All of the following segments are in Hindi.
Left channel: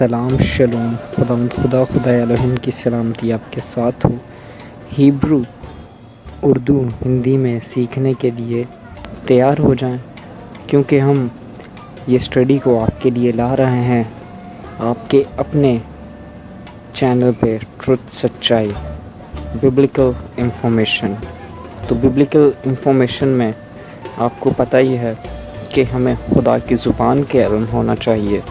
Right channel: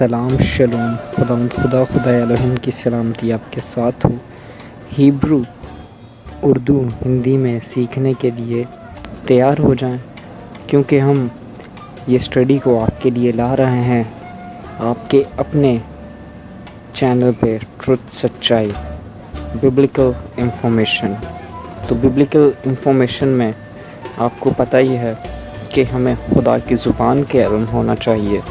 सलाम शलोम खुदा खुदा एलोहिम की सलामती आपके साथ हो। हिब्रू उर्दू हिंदी में सीखने के लिए तैयार हो जाएं, क्योंकि हम ये स्टडी को आपके लिए ला रहे हैं आपके अपने चैनल पे ट्रुथ सच्चाई बिब्लिकल इंफॉर्मेशन। तो बिब्लिकल इंफॉर्मेशन में आपको पता ही है कि हमें खुदा की ज़ुबान के इल्म होना चाहिए।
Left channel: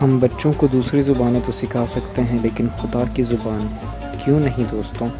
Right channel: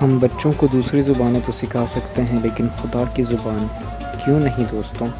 हम बच्चों को दूसरी ज़ुबानें तो सिखा सकते हैं, लेकिन खुदा की ज़ुबान क्यों नहीं दोस्तों।